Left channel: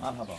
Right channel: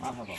مرحبا.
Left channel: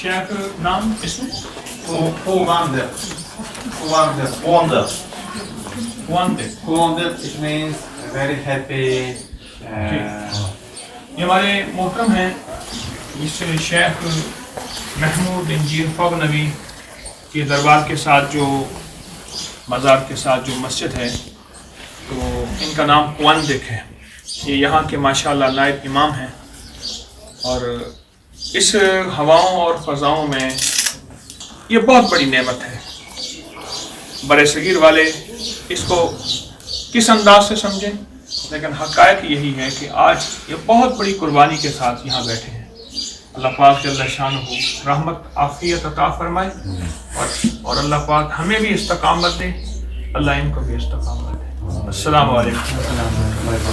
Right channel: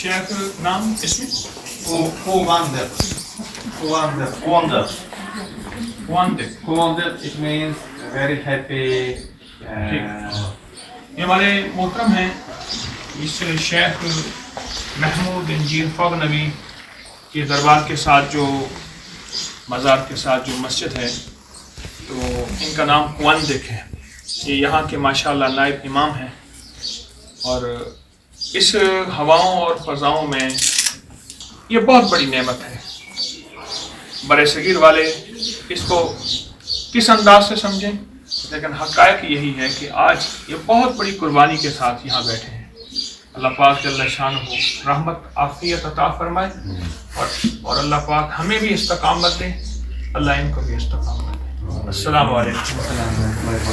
شیخ نام اس میں Wonder, it means very happy. یہ ہمارے محترم ہیں اس شیخ محمود انجیر فغ نبی کے دربار کے ساتھ جو مزار کے ساتھ جو مسجد ہے تو ان کا نام قواندک ہے. یہ یہاں کے ماشاءاللہ نائب امام ہیں اور اس ہواؤں اور فضاؤں میں یہ بہت بڑی نعمت ہے. برے صغیر والے اس کو کس انداز سے سمجھیں لیکن حقائق یہی ہے کہ آج یہ بہت بڑی قربانی کے ساتھ یہاں بیٹھے ہیں. اللہ پاک جل شانہ رحمت عافیت عطا فرمائے اور اللہ پاک ہمیں بھی استقامت دے, اللہ ان کو بھی استقامت دے. السلام علیکم.